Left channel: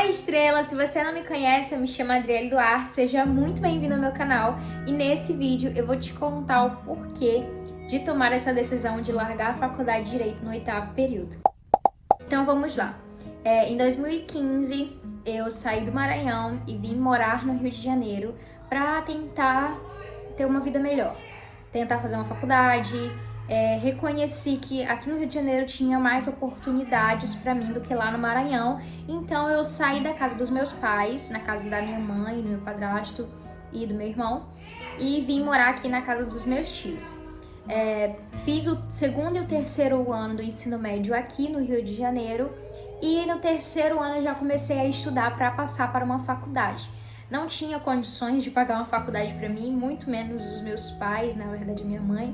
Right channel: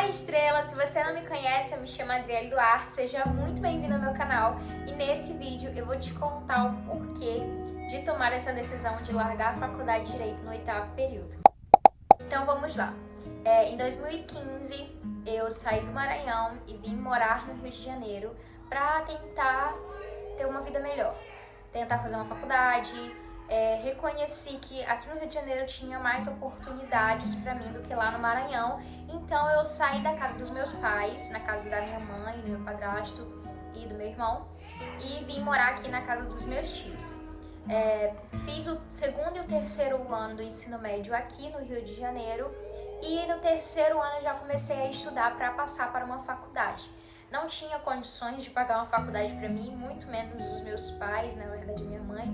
Oi, estrela! Se você não me conhece, eu me chamo Adriele Duarte, seja muito bem-vindo ao meu canal. E nesse vídeo eu vou te contar o porquê de tomar essa decisão de largar a faculdade de Direito no 8º período. Então vamos lá. Em 2015 eu saí do Maranhão e vim morar no Rio de Janeiro para tentar ter uma vida melhor, tentar fazer uma faculdade. Reconheci que aqui no Rio de Janeiro tinha mais oportunidades para mim do que lá no Maranhão, então eu saí da casa dos meus pais, na casa da minha mãe, do meu padrasto e do meu irmão, e vim morar aqui na casa dos meus tios. Fiz o 2º e o 3º ano do ensino médio aqui no Rio de Janeiro, e no 3º ano eu já comecei a estudar para passar para uma faculdade. Não tinha condições de pagar uma faculdade para mim, muito menos os meus pais, na verdade minha mãe.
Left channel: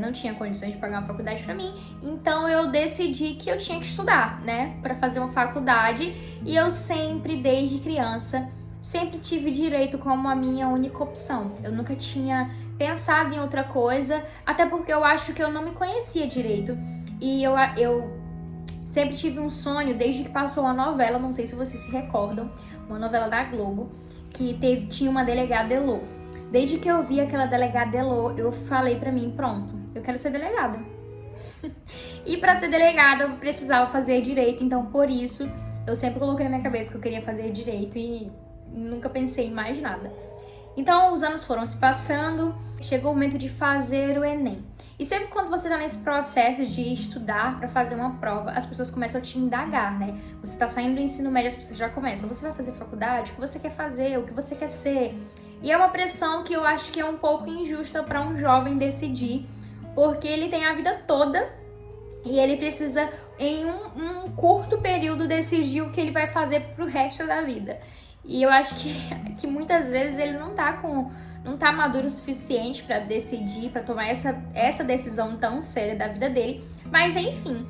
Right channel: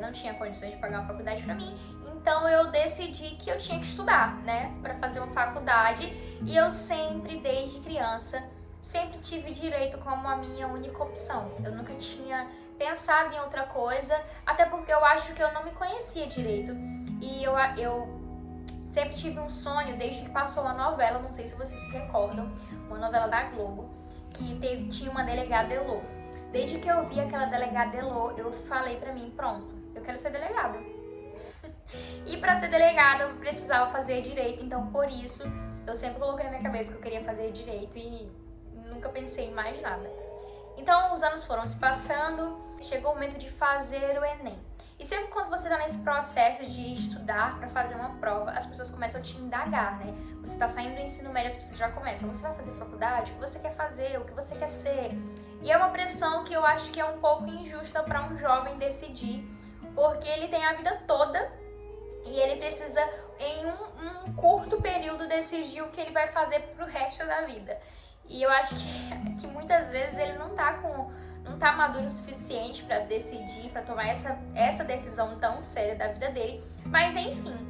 Não tinha condições de pagar uma faculdade pra mim, então eu decidi que eu tinha que estudar, né, pra fazer uma faculdade. E eu sempre, desde criança, sempre tive direito como a minha única opção. Eu nunca tinha pensado em outra coisa, até porque eu acho que eu não me conhecia direito. E eu sempre tive um sonho, desde que passou uma novela, não sei se vocês se recordam, uma novela da Globo, que tinha uma delegada Elô. Desde que eu vi aquela delegada Elô, eu falei pra mim, pronto, eu quero ser delegada. E pra ser delegada eu precisava fazer direito, então por isso eu sempre coloquei na minha cabeça que eu queria fazer direito e nunca pensei em mais nada. Então os anos foram se passando, chegou o momento de fazer o Enem. E sempre quando você tá nesse processo de estudar pra fazer uma prova, as pessoas começam a te indagar, né? Você tá saindo do ensino médio, as pessoas já começam, você vai fazer faculdade? O que você quer fazer? O que você quer ser? E é uma pressão que eu acho que é um pouco injusta para um jovem decidir, porque ele tem a vida toda e ele precisa, em um curto período, decidir o que ele vai fazer pro resto da vida. E eu acho que muitas vezes ele não tá maduro o suficiente para decidir, para tomar essa decisão tão séria da vida dele. Mas enfim,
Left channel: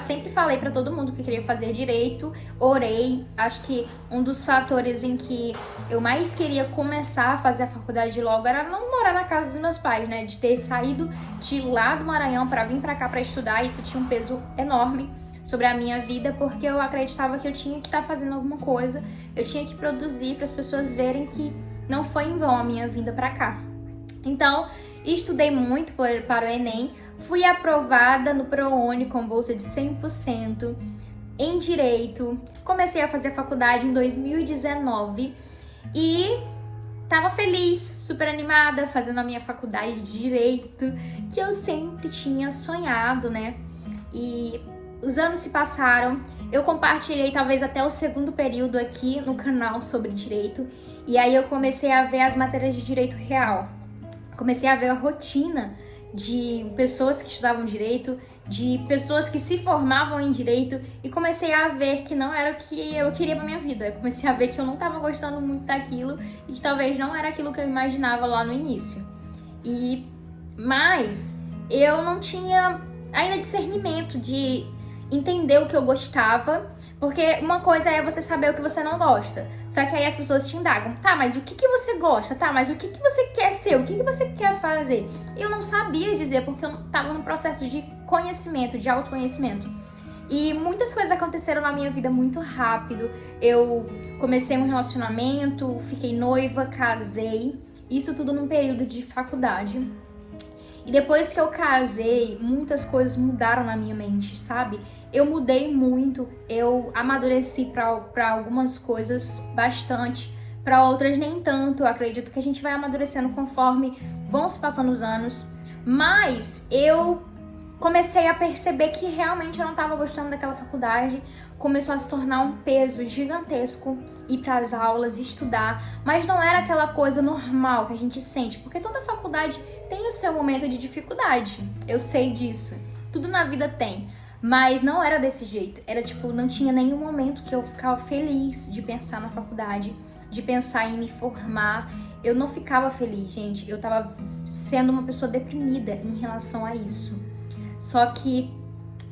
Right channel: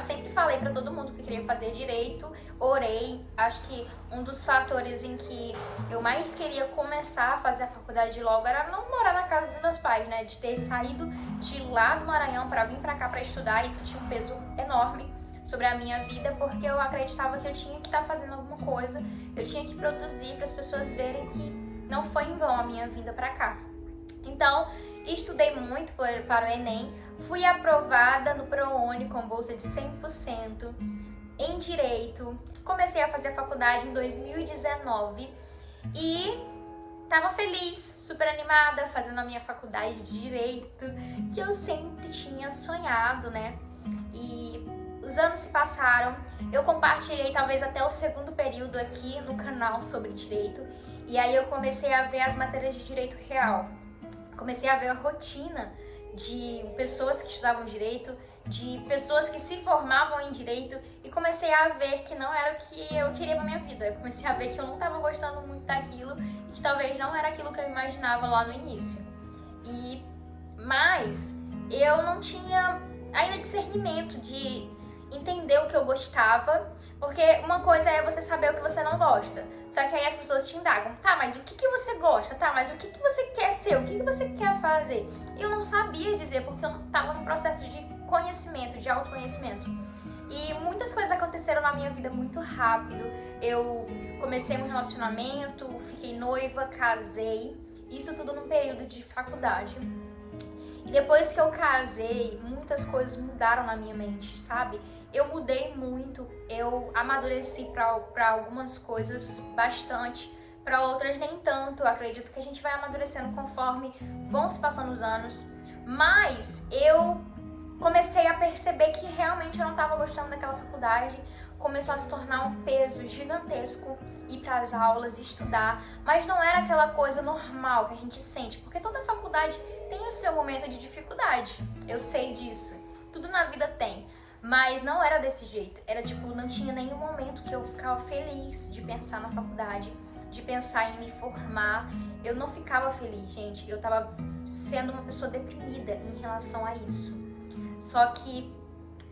sempre falei para todo mundo que queria fazer direito, orei. Acho que um dos fatores em que eu mais queria começar a fazer a faculdade logo era não morar na casa dos meus pais, né? De ter saído de lá do Maranhão para vir para cá para estudar. Isso tinha um peso enorme sobre a minha vida, porque eu acreditava que eu tinha que estar fazendo alguma coisa, eu tinha que produzir para as pessoas verem que não foi em vão a minha vinda para cá. Então, estudei muito para o Enem, fui aprovada no ProUni com bolsa de 100% em Direito, comecei a fazer a faculdade em 2019 e tava feliz, super animada, fazendo a minha faculdade de Direito, que eu sempre tinha sonhado, né? E os anos se passaram, eu compartilhei talvez até o 2º período aqui no canal sobre Direito, e aí eu comecei a ver as matérias de Direito Real. Comecei a ver a rotina de pessoas que estudavam Direito, de pessoas que se formavam em Direito, e comecei a ver que não era o que eu queria pra minha vida. Eu comecei a ver que eu não tava gostando muito daquilo e que talvez não era aquilo que eu imaginava lá no início. Mas eu não tinha ainda discernimento de entender o que eu gostava, porque uma coisa é você saber o que você não gosta, só que aí as pessoas te indagam, tá, mas o que você gosta? Tá, mas o que você quer ser? O que você quer fazer? Eu não sabia dizer, porque eu tava num processo de conhecimento, de autoconhecimento. E muitas coisas aconteceram na minha vida muito rápido. Eu comecei um relacionamento, fiquei noiva, casei, isso tudo num período de faculdade. E depois que eu casei, muitas coisas mudaram na minha mente, sabe? Eu mudei muito, eu amadureci para algumas coisas bastante, para outras nem tanto. Eu acredito que a gente vai amadurecendo conforme vão se passando os anos. Mas eu comecei a perceber que realmente eu não estava gostando daquela faculdade. Começou a se tornar um peso gigantesco ir para as aulas, estudar, mas não era aquela coisa normal que a gente sente, porque toda faculdade tem o seu momento de dificuldade, eu sei disso, tudo na vida tem, mas não era desse jeito, era tipo, não tinha nenhum momento que eu ficava feliz de pensar na faculdade, de pensar em me formar. Eu não ficava feliz, gente, eu tava sendo uma pessoa deprimida em relação a isso, só que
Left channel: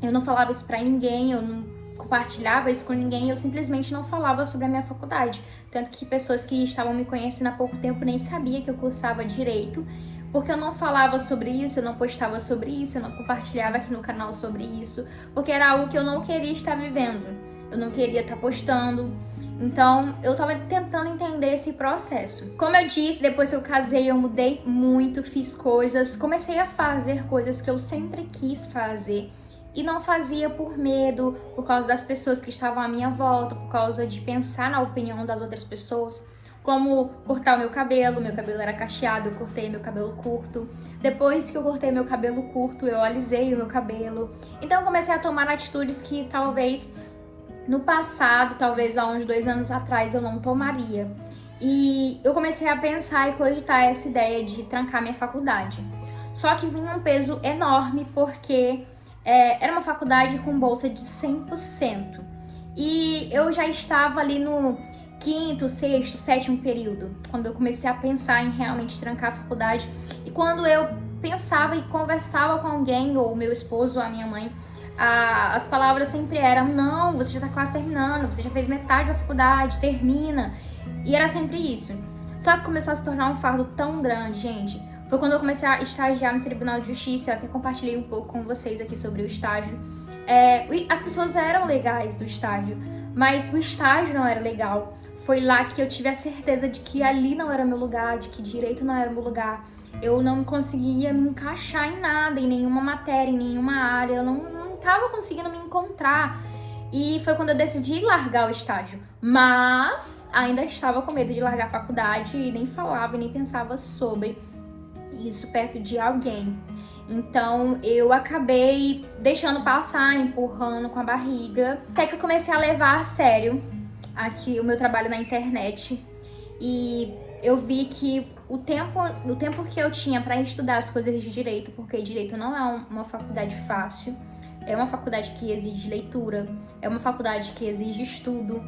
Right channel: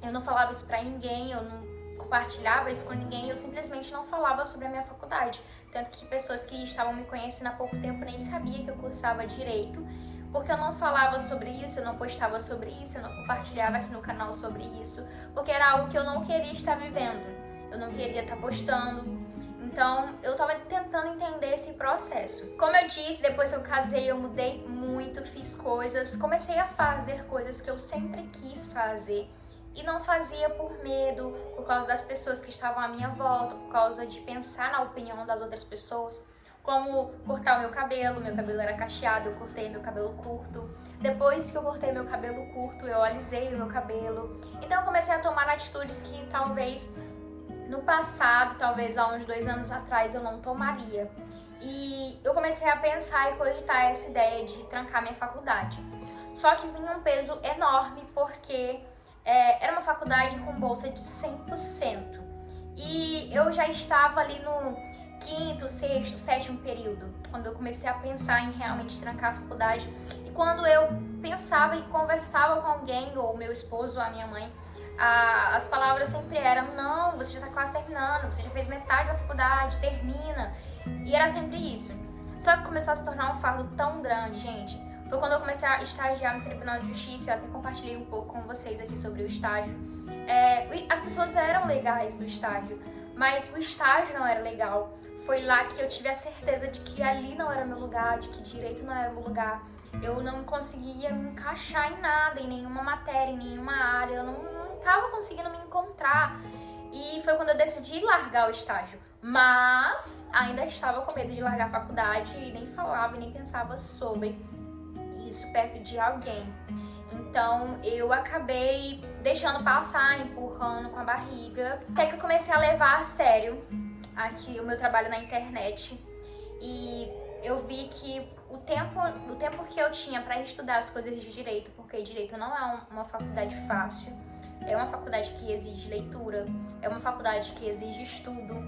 eu não falava isso pra ninguém, eu não compartilhava isso com ninguém, eu simplesmente não falava sobre a minha faculdade. Tanto que pessoas que estavam me conhecendo há pouco tempo nem sabiam que eu cursava Direito, porque eu não falava sobre isso, eu não postava sobre isso, eu não compartilhava aqui no canal sobre isso, porque era algo que eu não queria estar vivendo. eu não queria estar postando. Então, eu tava tentando entender esse processo. Como eu disse, depois que eu casei, eu mudei muito, fiz coisas, comecei a fazer coisas que eu sempre quis fazer e não fazia por medo, por causa das pessoas que estavam à minha volta, por causa de pensar na opinião das outras pessoas. Como cortar o meu cabelo era cacheado, eu cortei meu cabelo curto. Depois que eu cortei meu cabelo curto, eu alisei o meu cabelo. Então eu comecei a tomar atitudes que talvez no passado, talvez há uns 2 anos atrás, eu não tomaria. E eu comecei a pensar e cogitar essa ideia de trancar minha faculdade. Só que vinha um peso enorme porque era uma faculdade com bolsa de 100%. E eu já estava ali no 5º, 6º, 7º período, quando eu comecei a pensar em realmente trancar a faculdade. E quando eu pensava e conversava com alguém, ou meu esposo, ou a minha mãe, as palavras sempre eram: não, você já tá quase terminando, você já fez metade da faculdade, termina. E era sempre isso. Só que começou a se tornar um fardo tão grande, gente. Foi quando eu comecei a estagiar no Tribunal de Justiça. Eu até compartilhei um pouco com vocês aqui sobre o estágio. As pessoas eram legais do estágio, mas o estágio não era legal. Foi lá que eu tive a certeza de que ali não era meu lugar, de que direito não era meu lugar. Eu não conseguia me encaixar em nada, em nenhuma matéria, em nenhuma área. Eu não estava conseguindo me encontrar. E foi quando eu decidi largar o estágio. Mas ainda estava com medo de largar a faculdade e nem falava e nem pensava sobre isso perto de alguém. Então eu acabei deixando passar, empurrando com a barriga, até que eu comecei a levar a sério aqui o meu trabalho na internet. E eu vi que o tempo que eu tinha para estudar as coisas de direito, porque direito não é uma faculdade fácil, é uma faculdade que exige leitura, é uma faculdade que exige estudo.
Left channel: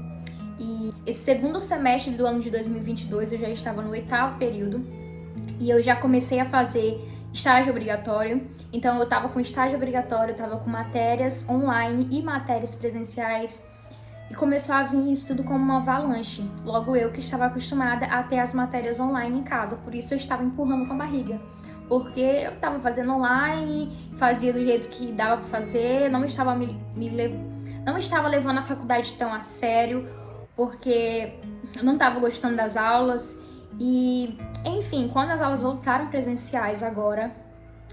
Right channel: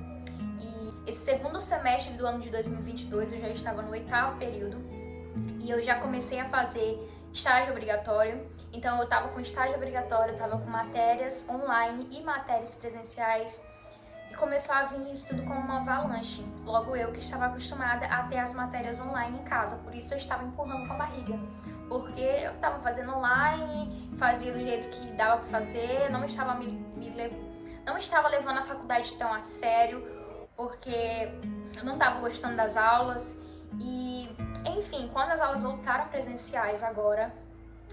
E esse segundo semestre do ano de 2022 eu já estava no 8º período e eu já comecei a fazer estágio obrigatório. Então eu estava com estágio obrigatório, eu estava com matérias online e matérias presenciais. E começou a vir isso tudo como uma avalanche. Logo eu que estava acostumada a ter as matérias online em casa, por isso eu estava empurrando com a barriga. Porque eu estava fazendo online, fazia do jeito que dava para fazer, não estava não estava levando a faculdade tão a sério, porque eu não estava gostando das aulas. E, enfim, quando as aulas voltaram presenciais agora,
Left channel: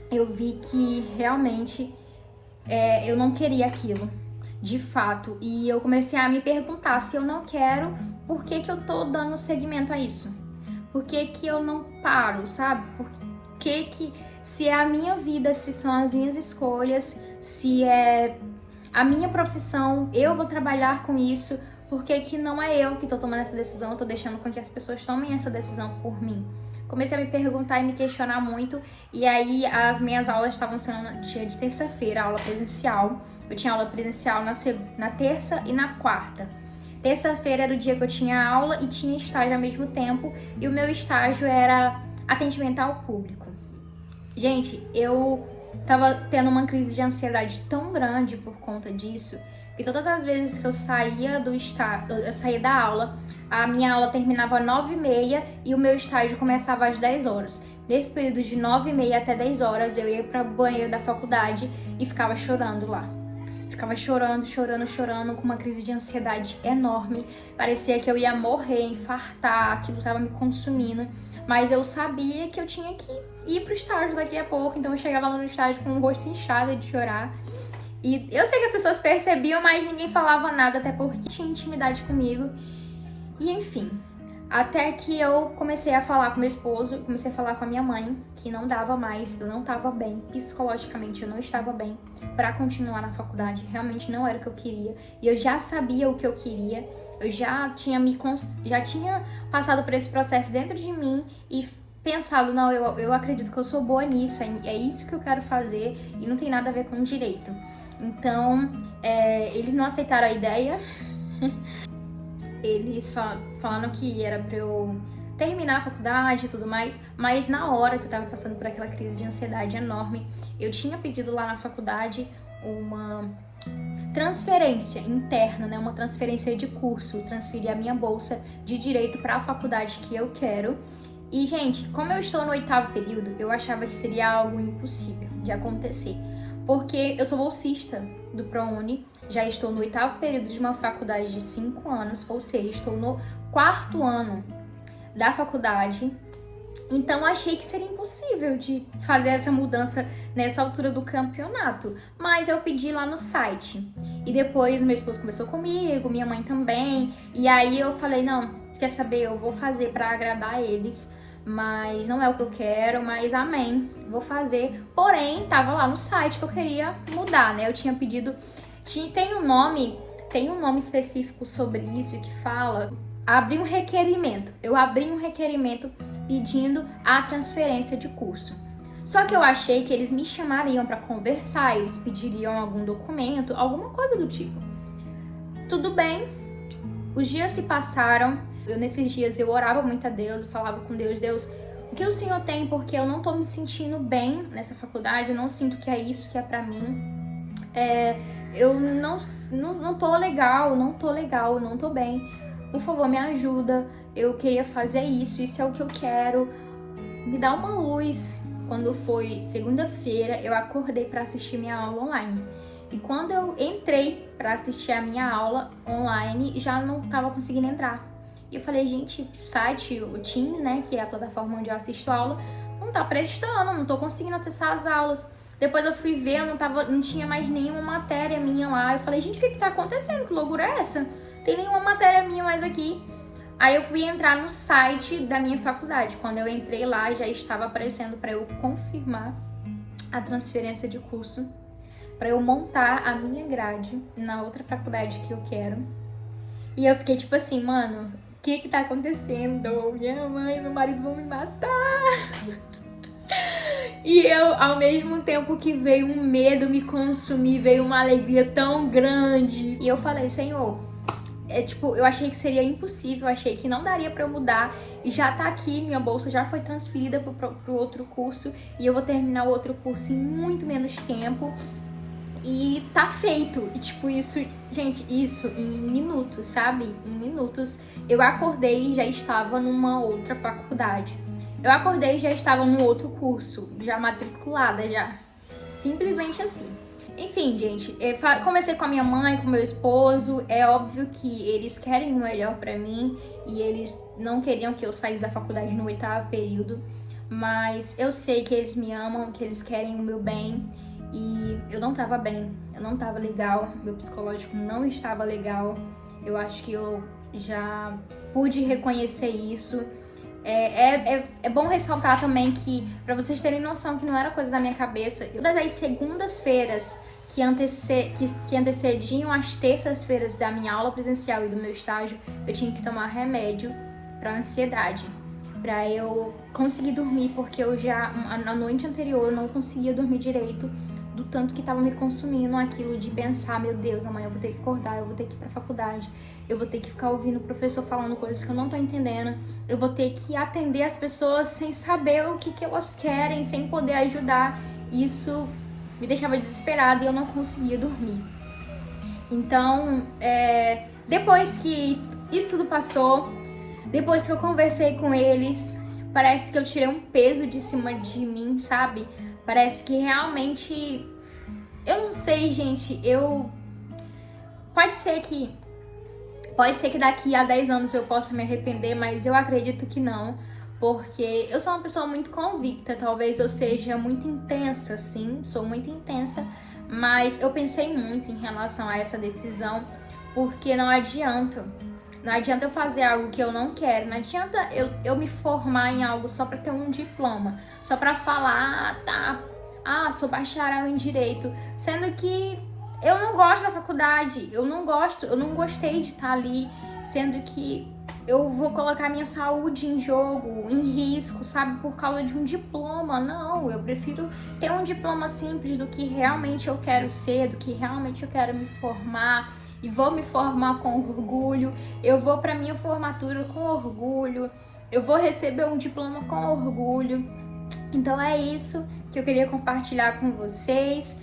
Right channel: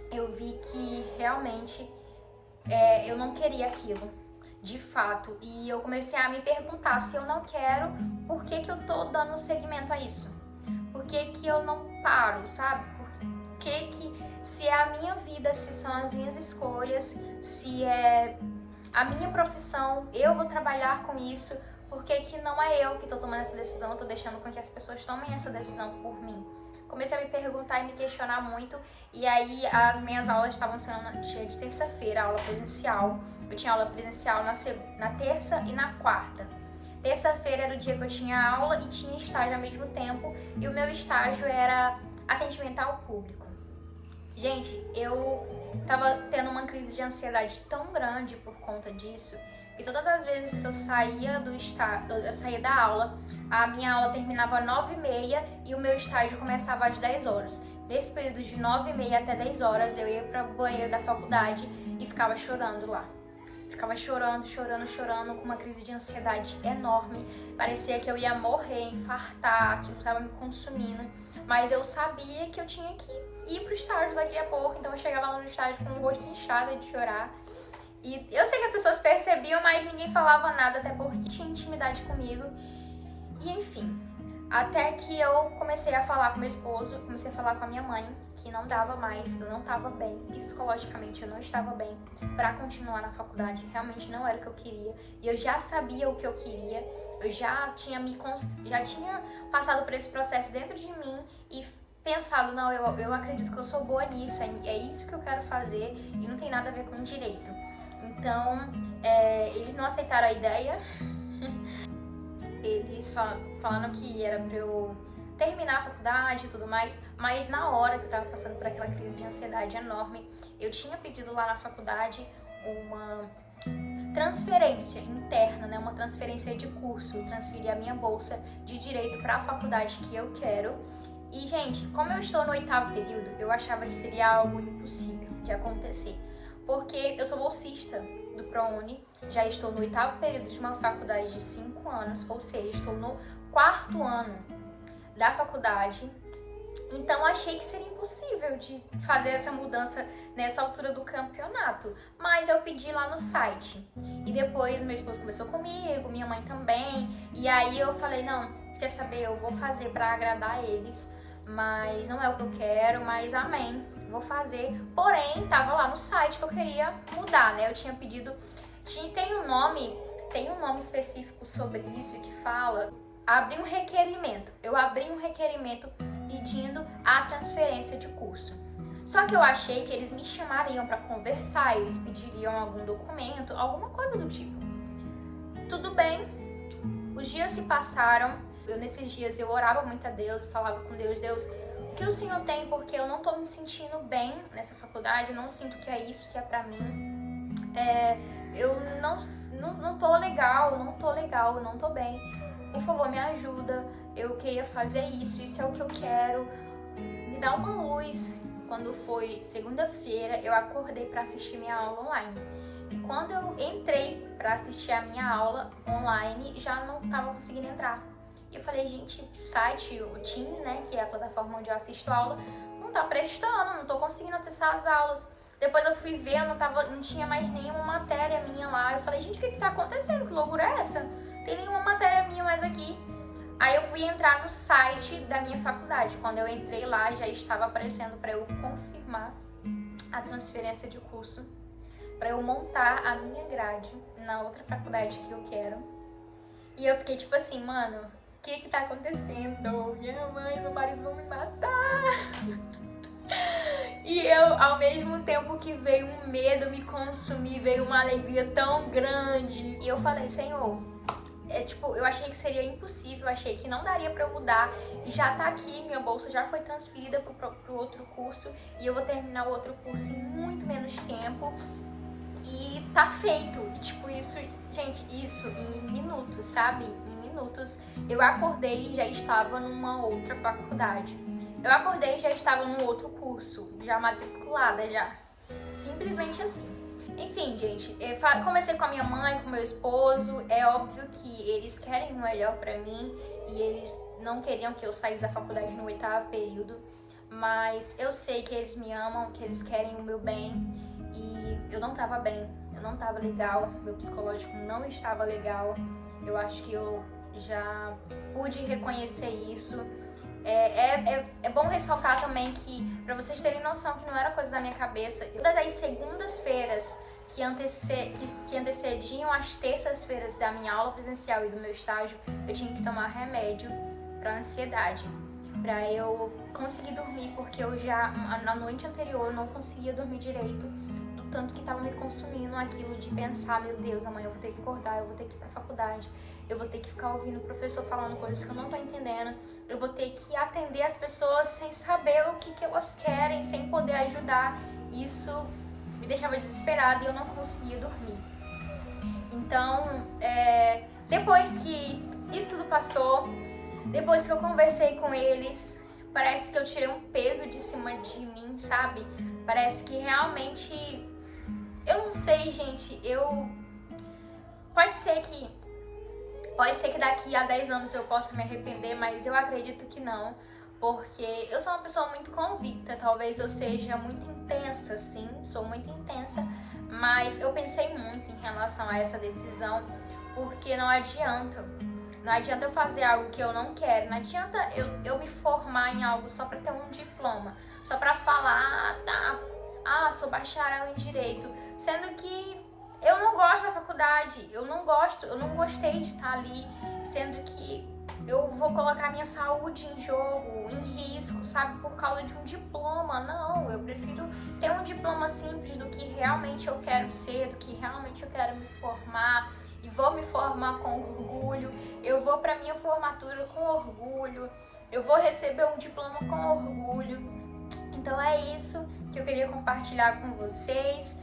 eu vi que realmente eu não queria aquilo. De fato, e eu comecei a me perguntar: se eu não quero, por que eu tô dando seguimento a isso? Por que eu não paro, sabe? Por que se é a minha vida, se são as minhas escolhas, se é a minha profissão, eu vou trabalhar com isso, por que não é eu que tô tomando essa decisão, eu tô deixando com que as pessoas tomem essa decisão por mim? Comecei a me perguntar e me questionar muito, e aí as minhas aulas estavam sendo no dia de terça-feira, aula presencial. Eu tinha aula presencial na terça e na quarta. Terça-feira era o dia que eu tinha aula e tinha estágio ao mesmo tempo, e o meu estágio era atendimento ao público. Gente, eu tava tendo uma crise de ansiedade tão grande por conta disso, que todas as vezes que eu saía da aula, a minha aula terminava às 9h30 e o meu estágio começava às 10 horas. Nesse período de 9h30 até 10 horas, eu ia para o banheiro da faculdade e ficava chorando lá. Ficava chorando, com uma crise de ansiedade enorme. Parecia que eu ia morrer, infartar, aquilo estava me consumindo. Mas eu sabia que eu tinha que ir pro estágio daqui a pouco, então eu chegava lá no estágio com o rosto inchado de chorar. E eu sei que as pessoas percebiam, mas ninguém falava nada, até porque tinha intimidade comigo. E enfim, até que eu comecei a falar com meu esposo, comecei a falar com a minha mãe, que não dava mais, eu não estava bem, psicologicamente eu não estava bem para continuar na faculdade, realmente não era o que eu queria. E eu já sabia o que eu queria, eu já tinha passado por esse processo dentro de mim e pensado: não, eu acredito que eu sou boa nisso, é isso que eu quero fazer e não tem nada a ver com direito. Então, eles não aceitaram a ideia. Eles falaram que era pra eu terminar a faculdade e tudo mais, mas na hora que eu tava passando por aquela crise de ansiedade enorme, eu tinha pedido lá na faculdade uma transferência interna, né? Uma transferência de curso, transferir a minha bolsa de direito para a faculdade que eu quero. E, gente, como eu estou no 8º período, eu achava que seria algo impossível de acontecer, porque eu sou bolsista do ProUni, já estou no 8º período de uma faculdade de 5 anos, ou seja, estou no 4º ano da faculdade. Então achei que seria impossível de fazer essa mudança nessa altura do campeonato, mas eu pedi lá no site. E depois meu esposo conversou comigo, minha mãe também, e aí eu falei, não, quer saber, eu vou fazer para agradar eles, mas não é o que eu quero, mas amém, vou fazer. Porém, tava lá no site que eu queria mudar, né? Eu tinha pedido, tem um nome específico sobre isso que fala, abrir um requerimento. Eu abri um requerimento pedindo a transferência de curso. Só que eu achei que eles me chamariam para conversar, eles pediriam algum documento, alguma coisa do tipo. Tudo bem, os dias se passaram, nesses dias eu orava muito a Deus, eu falava com Deus, Deus, o que o Senhor tem? Porque eu não tô me sentindo bem nessa faculdade, eu não sinto que é isso que é pra mim. Eu não tô legal, não tô bem. Por favor, me ajuda, eu queria fazer isso é o que eu quero, me dá uma luz. Quando foi segunda-feira, eu acordei para assistir minha aula online. E quando eu entrei para assistir a minha aula online, já não tava conseguindo entrar. E eu falei, gente, o site, o Teams, né, que é a plataforma onde eu assisto a aula, não tá prestando, não tô conseguindo acessar as aulas. Depois eu fui ver, não tinha mais nenhuma matéria minha lá. Eu falei, gente, o que tá acontecendo? Que loucura é essa? Tem nenhuma matéria minha mais aqui. Aí eu fui entrar no site da minha faculdade. Quando eu entrei lá, já estava aparecendo para eu confirmar a transferência de curso, para eu montar a minha grade na outra faculdade que eu quero. E eu fiquei tipo assim, mano, o que tá acontecendo? Minha mãe e meu marido vão me matar. E eu, ao mesmo tempo que veio um medo me consumir, veio uma alegria tão grande. E eu falei, Senhor, eu achei que seria impossível, achei que não daria pra eu mudar. E já tá aqui, minha bolsa já foi transferida pro outro curso. E eu vou terminar o outro curso em muito menos tempo. E tá feito. E tipo, isso, gente, isso em minutos, sabe? Em minutos. Eu acordei e já estava numa outra faculdade. Eu acordei e já estava num outro curso, já matriculada, já. Simplesmente assim. Enfim, gente, eu conversei com a minha mãe, com meu esposo, é óbvio que eles querem o melhor pra mim e eles não queriam que eu saísse da faculdade no 8º período, mas eu sei que eles me amam, que eles querem o meu bem e eu não tava bem, eu não tava legal, meu psicológico não estava legal, eu acho que eu já pude reconhecer isso. É bom ressaltar também que, pra vocês terem noção que não era coisa da minha cabeça, todas as segundas-feiras que antecediam as terças-feiras da minha aula presencial e do meu estágio, eu tinha que tomar remédio pra ansiedade, pra eu conseguir dormir, porque eu já, na noite anterior, eu não conseguia dormir direito, do tanto que tava me consumindo aquilo de pensar, meu Deus, amanhã eu vou ter que acordar, eu vou ter que ir pra faculdade, eu vou ter que ficar ouvindo o professor falando coisas que eu não tô entendendo, eu vou ter que atender as pessoas sem saber o que elas querem, sem poder ajudar. Isso me deixava desesperada e eu não conseguia dormir. Então, depois que isso tudo passou, depois que eu conversei com eles, parece que eu tirei um peso de cima de mim, sabe? Parece que realmente, eu não sei, gente, pode ser que daqui a 10 anos eu possa me arrepender, mas eu acredito que não, porque eu sou uma pessoa muito convicta, talvez eu seja muito intensa, sim, sou muito intensa, mas eu pensei muito em relação a essa decisão, porque não adianta eu fazer algo que eu não quero, não adianta eu me formar em algo só pra ter um diploma, só pra falar, sou bacharel em Direito, sendo que eu não gosto da faculdade, eu não gostei de estar ali, sendo que eu vou colocar minha saúde em jogo, em risco, sabe, por causa de um diploma. Não, eu prefiro ter um diploma simples do que realmente eu quero ser, do que realmente eu quero me formar, e vou me formar com orgulho, eu vou pra minha formatura com orgulho, eu vou receber um diploma com orgulho. Então é isso que eu queria compartilhar com vocês.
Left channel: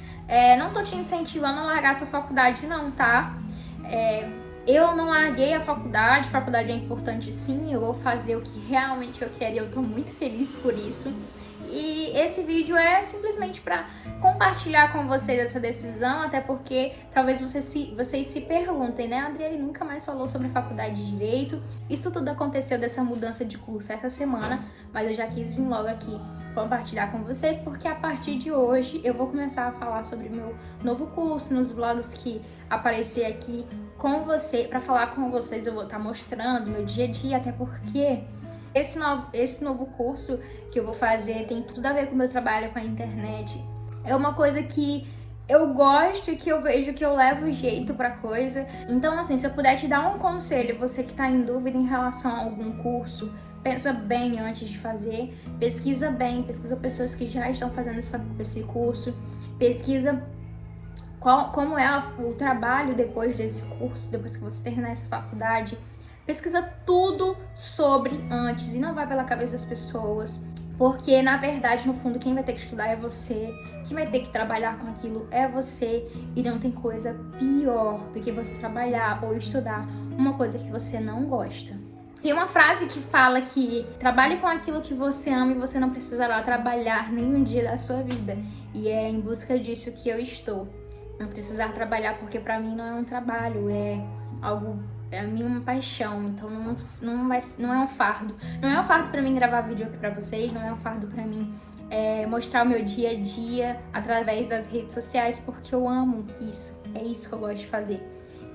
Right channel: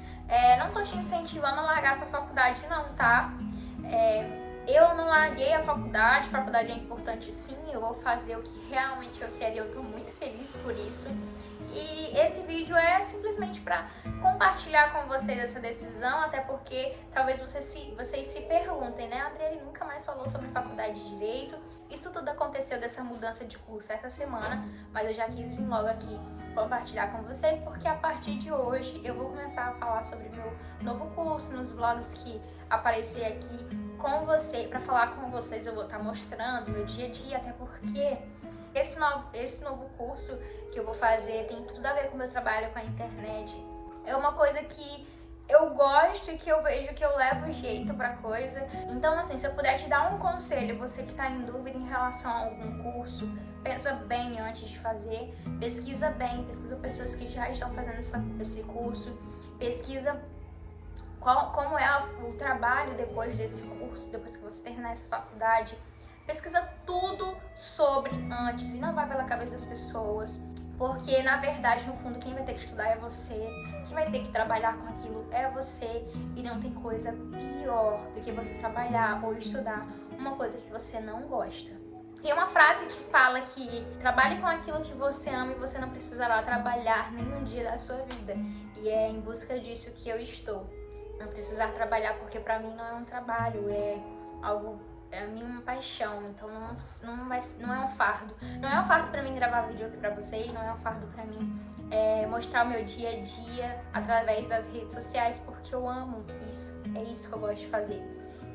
Não tô te incentivando a largar sua faculdade não, tá? Eu não larguei a faculdade é importante sim, eu vou fazer o que realmente eu quero e eu tô muito feliz por isso. E esse vídeo é simplesmente para compartilhar com vocês essa decisão, até porque talvez vocês se perguntem, né? A Adriele nunca mais falou sobre a faculdade de Direito. Isso tudo aconteceu dessa mudança de curso essa semana, mas eu já quis vir logo aqui compartilhar com vocês, porque a partir de hoje eu vou começar a falar sobre meu novo curso, nos vlogs que aparecer aqui com você, para falar com vocês eu vou estar mostrando meu dia a dia, até porque esse novo curso que eu vou fazer tem tudo a ver com o meu trabalho com a internet. É uma coisa que eu gosto e que eu vejo que eu levo jeito pra coisa. Então, assim, se eu puder te dar um conselho, você que tá em dúvida em relação a algum curso, pensa bem antes de fazer, pesquisa bem, pesquisa pessoas que já estão fazendo esse curso, pesquisa como é o trabalho depois desse curso, depois que você terminar essa faculdade. Pesquisa tudo sobre antes e não vai pela cabeça das pessoas, porque na verdade, no fundo, quem vai ter que estudar é você, quem vai ter que trabalhar com aquilo é você, e não tem coisa pior do que você trabalhar ou estudar uma coisa que você não gosta. Tem uma frase que fala que trabalhe com aquilo que você ama e você não precisará trabalhar nenhum dia da sua vida. E é em busca disso que eu estou. Não precisar trabalhar, porque pra mim não é um trabalho, é a minha paixão, então não é um fardo. Não é um fardo pra mim gravar vídeo aqui pra vocês, não é um fardo pra mim mostrar o meu dia a dia através das redes sociais, porque eu amo isso, é isso que eu gosto de fazer.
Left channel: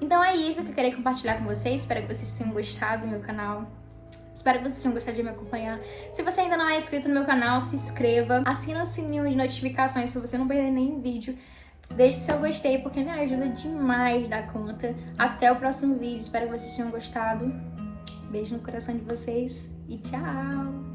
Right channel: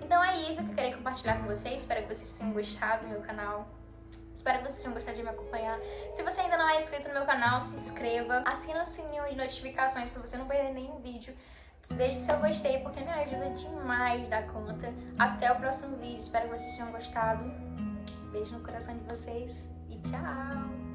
Então é isso que eu queria compartilhar com vocês, espero que vocês tenham gostado do meu canal. Espero que vocês tenham gostado de me acompanhar. Se você ainda não é inscrito no meu canal, se inscreva, assina o sininho de notificações pra você não perder nenhum vídeo. Deixe seu gostei, porque me ajuda demais da conta. Até o próximo vídeo. Espero que vocês tenham gostado. Beijo no coração de vocês e tchau!